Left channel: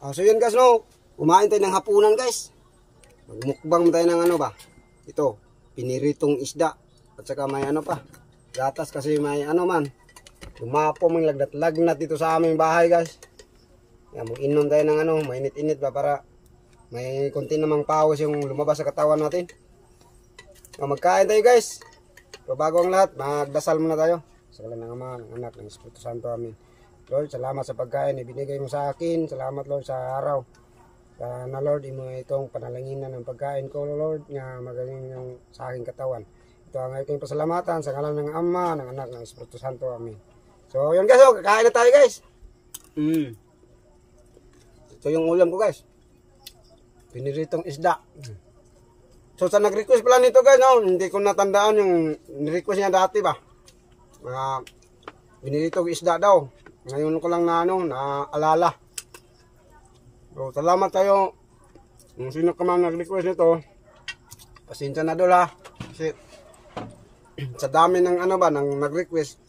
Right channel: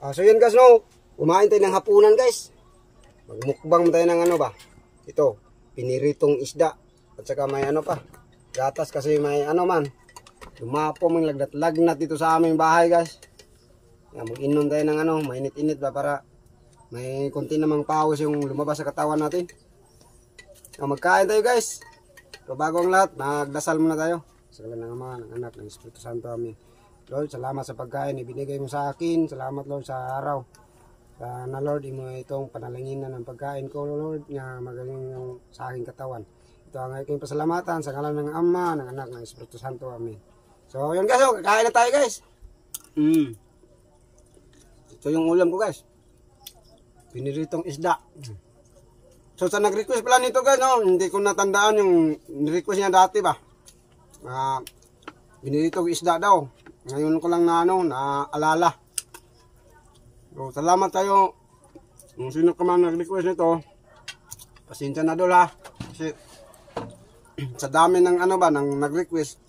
So yun guys, no, kumain tayo ng hapunan guys. Magmukbang tayo ng ano ba? Ito, piniritong isda. At saka may ano pa, gatas kasi may ano man. Lumapo mang lagnat-lagnat dito sa aming bahay guys. Yan, mag-inom tayo ng ano, mainit-init ba para may konti namang pawis yung lumabas sa katawan natin. Magkain tayo guys. So bago ang lahat, magdasal muna tayo. Sa ngalan ng Ama, ng Anak, ng Espiritu Santo. Amen. Lord, salamat sa pagkain ibinigay mo sa akin. Salamat Lord sa araw. Sana Lord, imo itong panalanginan ng pagkain ko Lord, nga magaling yung sa aking katawan. Ito ang aking pasalamatan sa ngalan ng Ama, ng Anak, ng Espiritu Santo. Amen. So yun guys, kakain na tayo guys. Ito yung ulam ko guys. Piniritong isda. So sa nag-request pala nito guys, no, hindi ko natandaan yung request niya dati ba. Piniritong isda daw. Ngayon ko lang na ano, naalala. So salamat tayo. Kung sino ka man nag-request nito, pasensya na dol ha. Kasi sa dami ng ano ba, ng nag-request,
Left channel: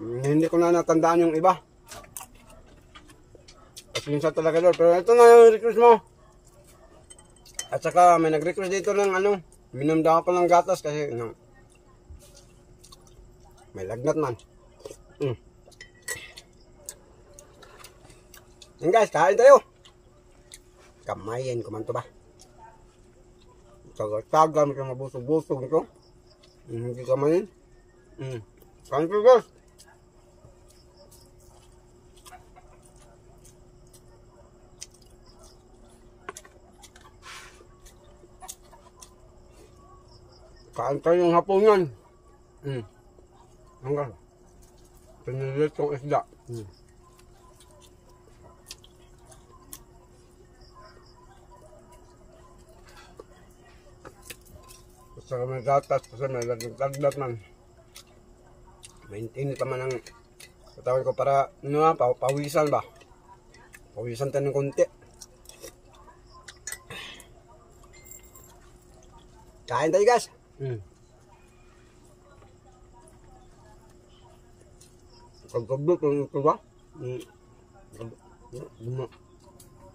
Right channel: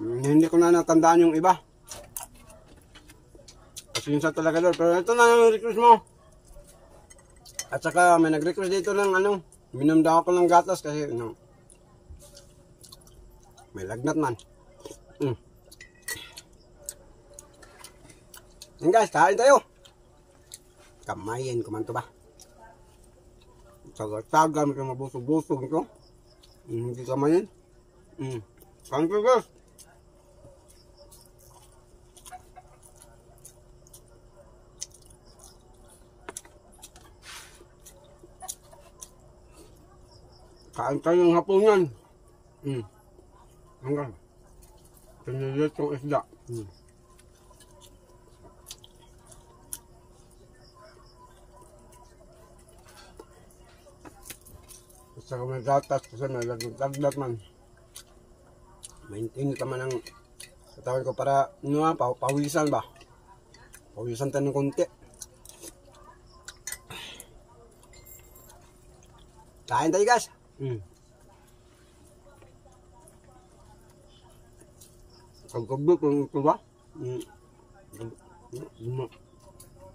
hindi ko na natandaan yung iba. Pasensya talaga dol. Pero ito na yung request mo. At saka may nag-request dito ng ano, minom daw ako ng gatas kasi no, may lagnat man. Yan guys, kain tayo. Kamayin ko man to ba. Tagal-tagal may mabusog-busog ito. Hindi kamayin. Kain tayo guys. Kain tayo ng hapunan. Hanggang piniritong isda. Saka may gatas kasi may lagnat man. Maintinit naman ang katawan ko para ano, pawisan ba. Pawisan tayo ng konti. Kain tayo guys. Kagabot ang ito ba?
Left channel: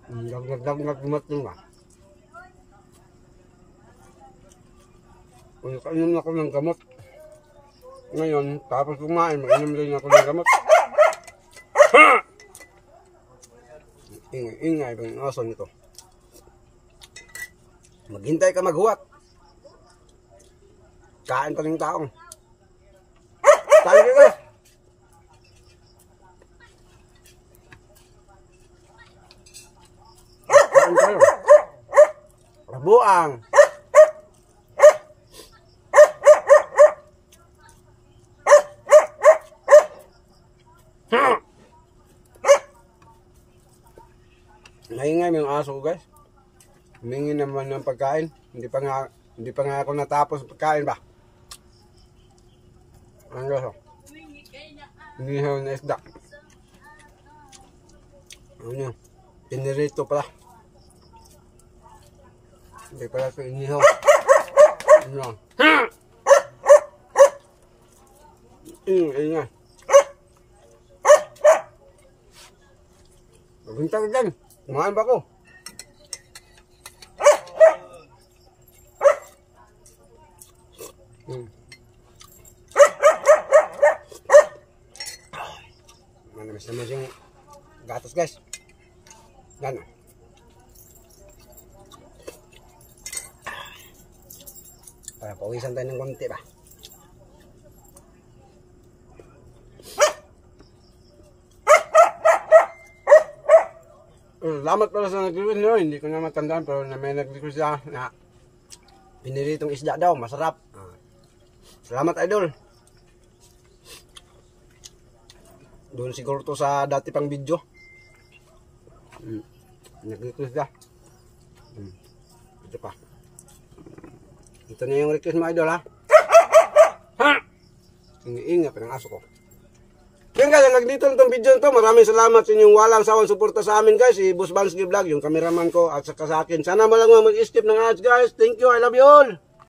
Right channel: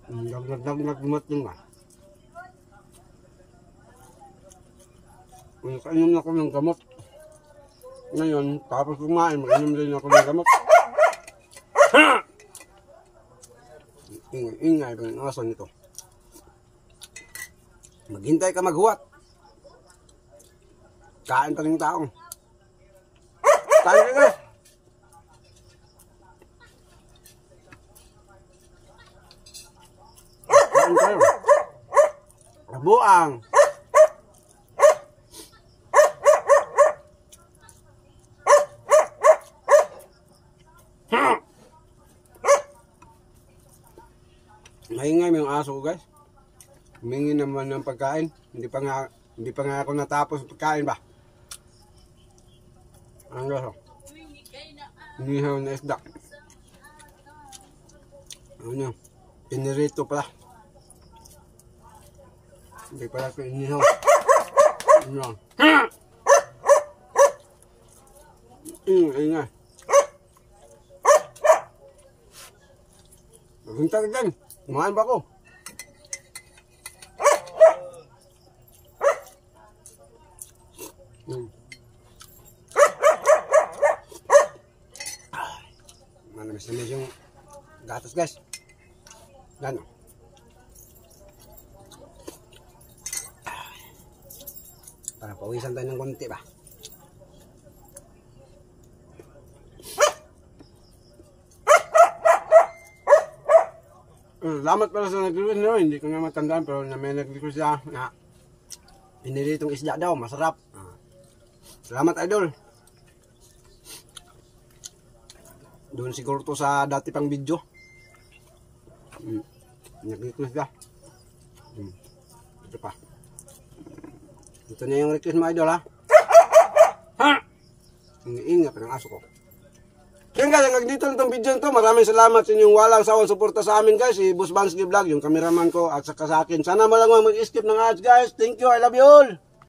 Lagnat yun ba? Kainom na ako ng gamot. Ngayon, tapos kumain, mag-inom din ako ng gamot. Ingay ba yung aso nito? Maghintay ka maghuwat. Kain pa rin yung taong. Kain rin guys. Kain tayo. Rabuang. Maingay yung aso ko guys. Humingi naman ng pagkain. Hindi pa nga ako natapos pagkain ba. Ang gaso. Inihaw na isda. Ano nyo? Pinirito pala. Hindi pala ito inihaw. Ano? Ingay. Maghintay ka dyan. Kumain ba ako? Manamis-namis yung gatas guys. Gano'n. Para pawisan tayo ng konti ba. Salamat pala sa nag-request no, hindi ko na matandaan pero na may nag-request siya na piniritong isda daw, masarap. Salamat idol. Doon siguro to sa dati pang video. Nag-request siya. Ito pa. Ito na yung request mo idol ha. Ingat pa ng aso ko. Yan guys, nagdito na itong video nito. Maraming salamat sa inyong walang sawang suporta sa amin guys. Si Boss Bansky Vlog, yung cameraman ko at saka sa akin. Sana malang mag-skip ng ads guys. Thank you, I love you all.